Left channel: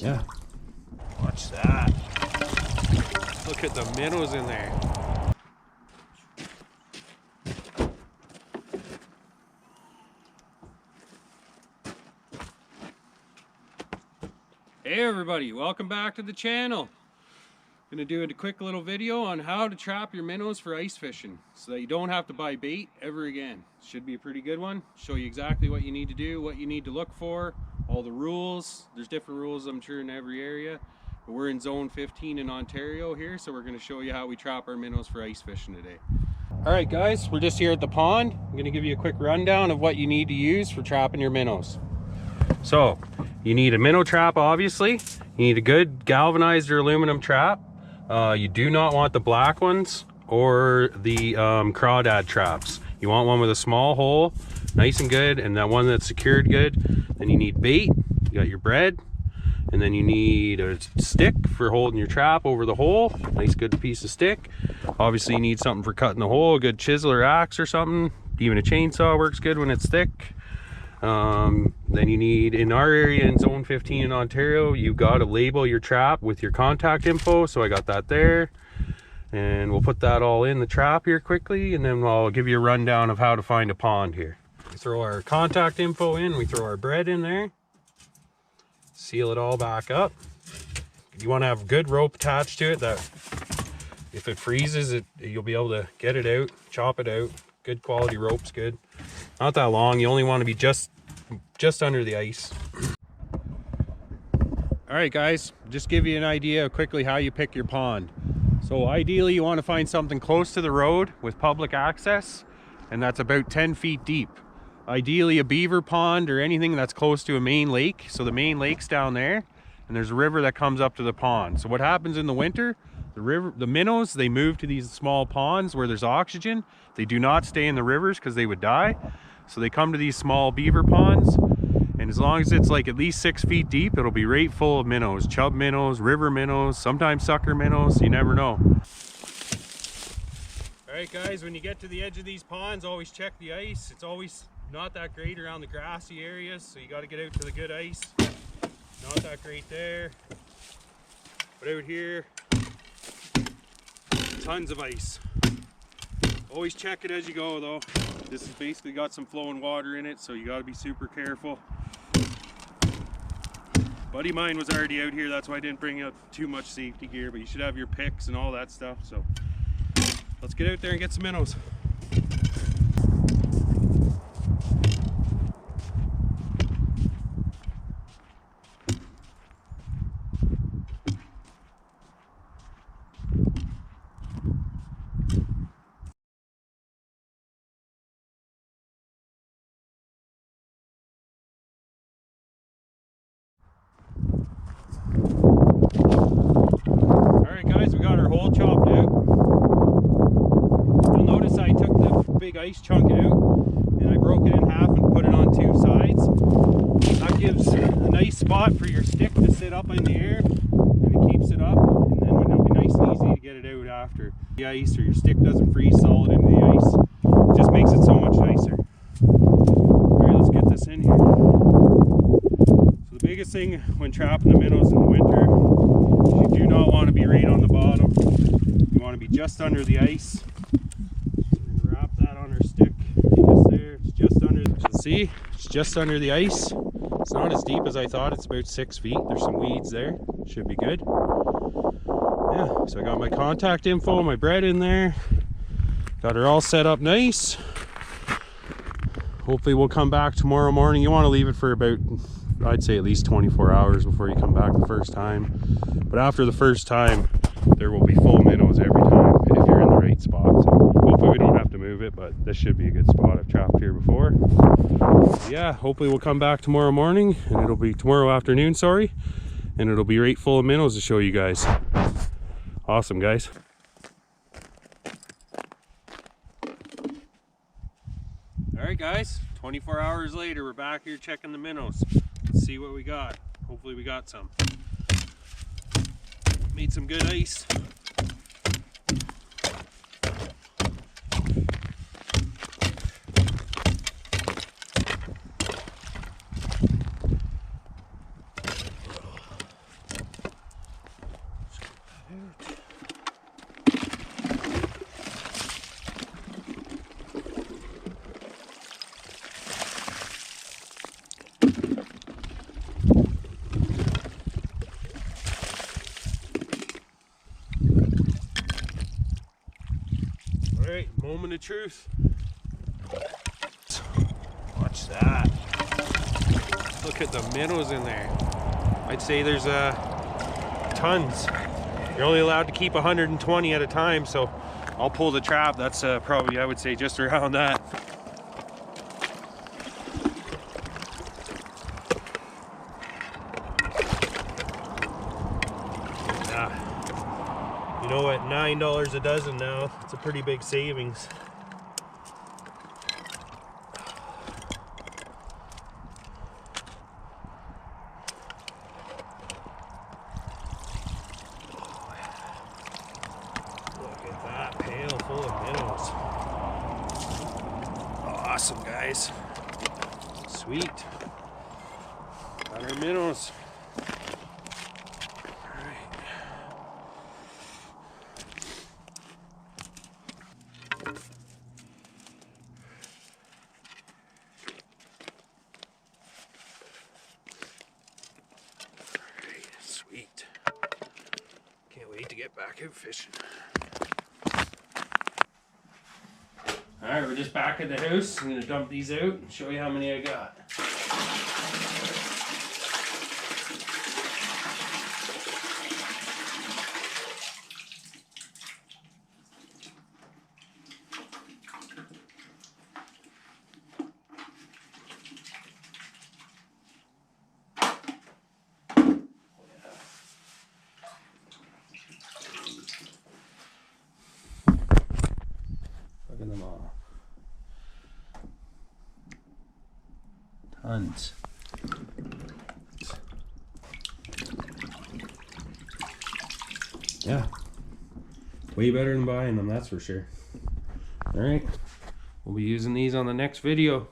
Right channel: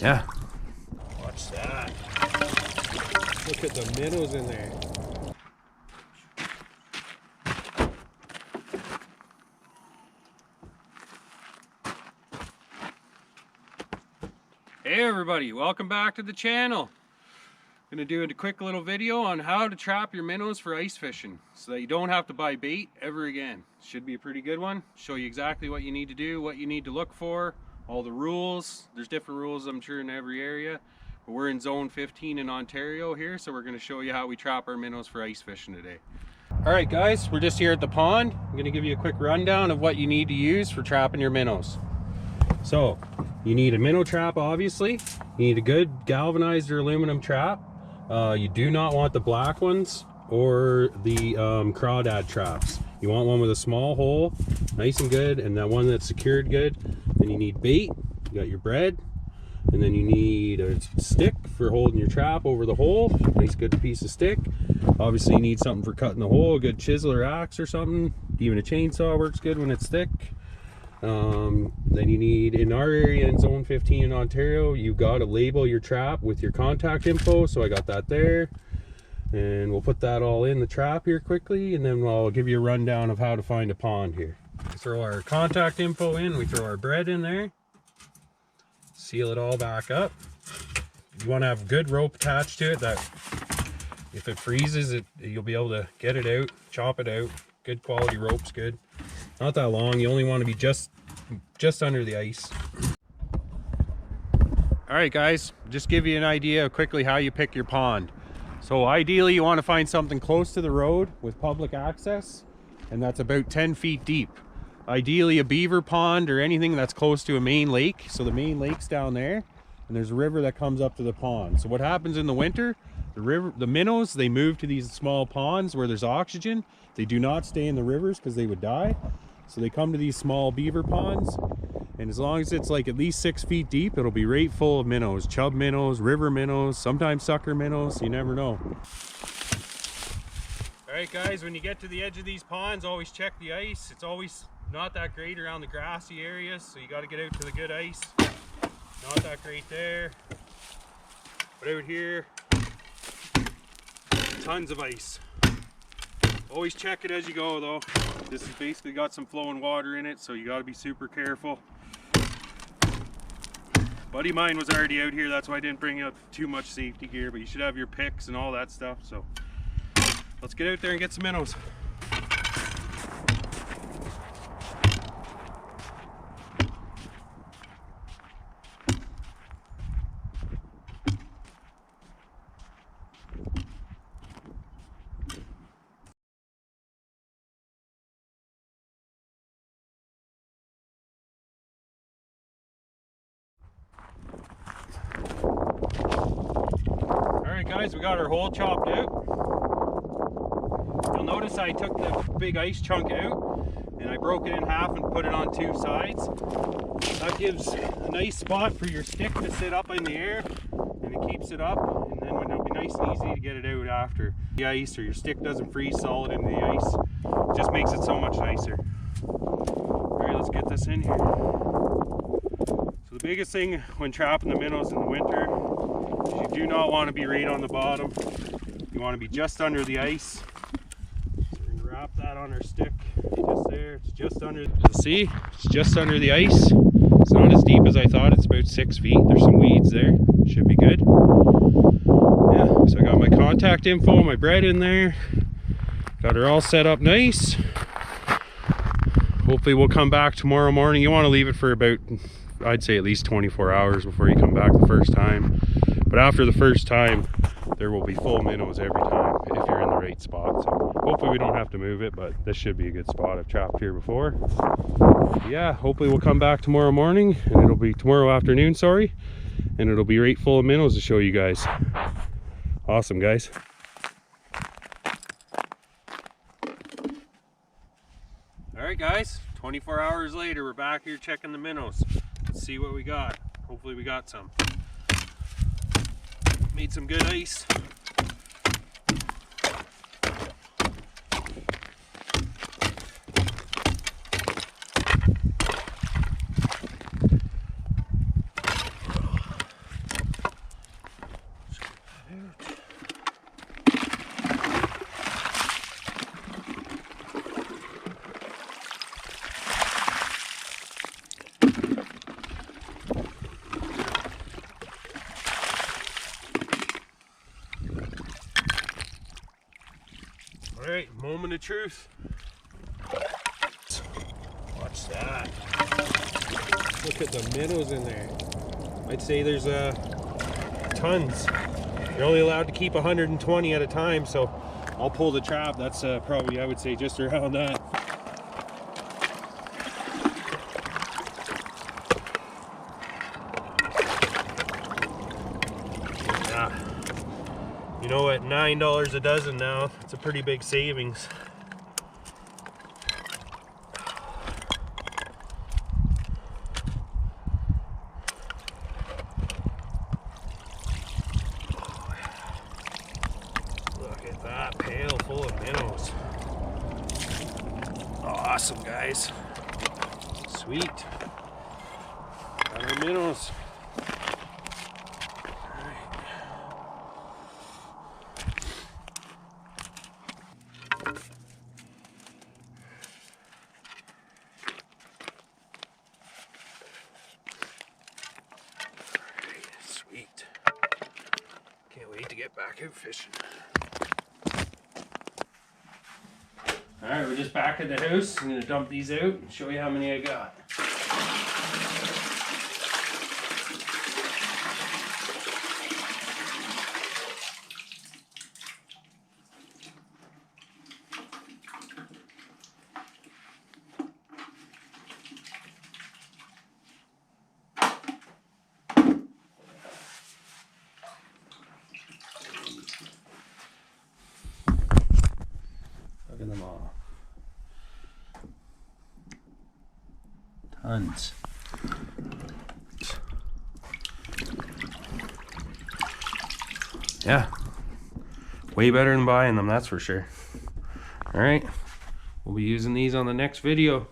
Yeah. Watch that. Look at the minnows in there. Hey everybody, welcome back to the channel. I'm gonna do a quick little video on how to trap your minnows for ice fishing so that you don't have to buy bait ever again. Should be a pretty good one. Show you exactly what you need to do, what you need to look for, all the rules. There's different rules, I'm sure, in every area. But we're in zone 15 in Ontario here, so we're gonna show you how we trap our minnows for ice fishing today. All right guys, we're just here at the pond. I'm gonna give you a quick rundown of what you need to use for trapping your minnows. So, you need a minnow trap, obviously. You need a good galvanized or aluminum trap. You do not want the black ones or the crawdad traps. You want one with a small hole, nice and good, and that one that's secured good. Then you need bait, you got your bread, and then you need a stick for holding your trap over the hole. Nice good piece of stick. Obviously you need something for cutting the hole, a good chisel or axe or something. Even a chainsaw works good when it's thick. Then you need, in our area in zone 15 in Ontario, you got to label your trap with your contact info, so I got that there, and we'll put that all in the trap here quickly, and then I'll give you a rundown of how to find a pond here. We throw our contact info in, we throw our bread in there, seal it all back up. You want to have good rope attached to it that if it freezes it, you'll be able to get it out, chop it out. Good quality rope's good. Not that long, you only want to be just under the ice. All right guys, just give you an idea of quickly how you pick your pond. So ideally you want to find something close to the road with public access, and that's about 10 feet deep. Ideally a beaver pond or anything that's close to a main lake. So the main lake's down there, and there's a river that comes up to the pond. So what happens in the winter, the minnows, they move to these small ponds where there's oxygen. They do not stay in the rivers because they would die. So they come to these small beaver ponds, and as long as it's like at least 6 feet deep, it'll be right full of minnows, chub minnows, river minnows, sometimes sucker minnows, you never know. All right guys, when you get to the edge of these ponds, always check the ice. It's always not that great around the grassy areas, so you got to get out to the good ice. Not that great there, but out here, tons of ice. Always check it as you go though. This has basically got some flowing water in it, so you got to be super careful. Buddy mine was already out here, that's why I didn't bring up too much safety gear, but you should have your picks and all that stuff. So let's get out there and get some minnows. Alright guys, we got our hole chopped out. You'll notice I took the big ice chunk out and I broke it in half and put it on two sides. That gives a nice spot for your stick to sit up in the air, and it keeps it up, and then when it'll be nice and easy to get it out after the ice, or your stick doesn't freeze solid into the ice. It just makes it so much nicer. Alright, let's get this in here. So the biggest thing when trapping the minnows in the winter, you do not want to be right on the bottom. You want to be just under the ice. So we're going to wrap that on our stick. Just there. It's just under. So see, it's just under the ice. It's not as deep as I thought. It's about 6 feet. There's some weeds there. Should be good. Yeah. So I got my contact info, my bread in there. Got her all set up nice. Hopefully we'll come back tomorrow morning. You want to leave it for about, I'd say, at least 24 hours before you come back the first time. But after the first time, there will be full minnows every time if you're in the right spot. So hopefully we don't have to move it, but this should be a good spot. I've trapped here before. Yeah, hopefully we'll come back tomorrow morning, and it'll be tomorrow afternoon, sorry, and it'll be right full of minnows to show you guys. Awesome, guys. All right, guys, 24 hours later, we're back here checking the minnows. Let's see what we got. Hopefully we got some. Made some good ice. moment of truth. Watch that. Look at the minnows in there. I'd say there's tons. You're only allowed to keep 120 at a time, so I'll pull the trap. That's probably, I would say, just around that. You know, at $9 a dozen now, it's a pretty big savings. Look at that pail full of minnows. Awesome, guys. Sweet. Got our minnows. Sweet. Can't wait to get back out fishing. Alright, we're just back at the house. I'm going to dump these out and show you how many I got. Look at them all. Tons. Yeah. Way better than buying them, that's for sure. Alright. We'll be using these on the next video.